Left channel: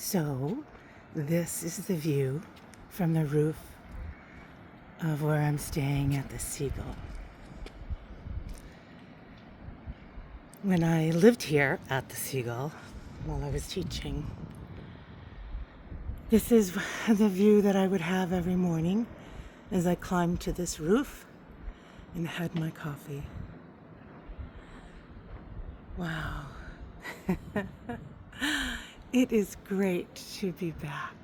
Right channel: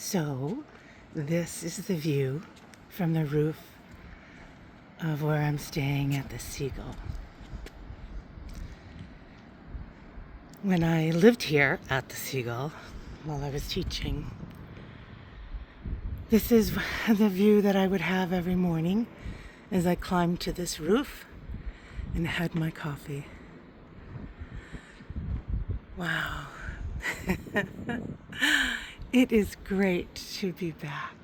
So, this is the view from the roof of where I'm staying at the Seagull. When I lived here at the Seagull while I was teaching, this is the view that I would have every morning as I climbed to this roof and had my coffee. Wow. It is great to be back.